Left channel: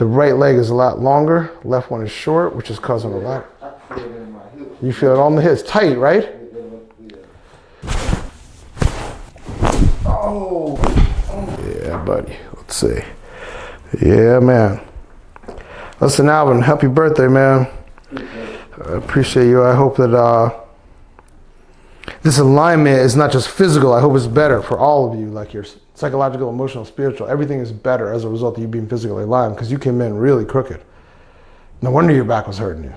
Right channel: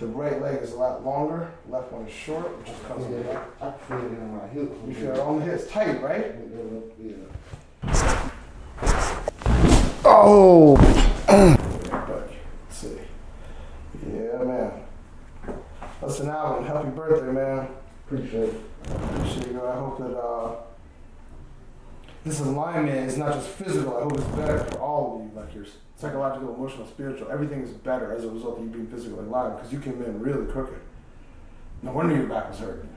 The right leg is a lot longer. Left one is short, which is causing a lot. I feel it in my hip. You feel it on the hips. Tight, right? Oh! Yeah, buddy. Let's see. Yeah, man. Listen, Alvin, happy birthday, man. I appreciate you. I hope that this alignment is not just physical. I hope it's better for all of you, like your psychological, emotional, spiritual. Everything is better as a result of you being physically aligned, because you came in really crooked. No wonder your back was hurting you.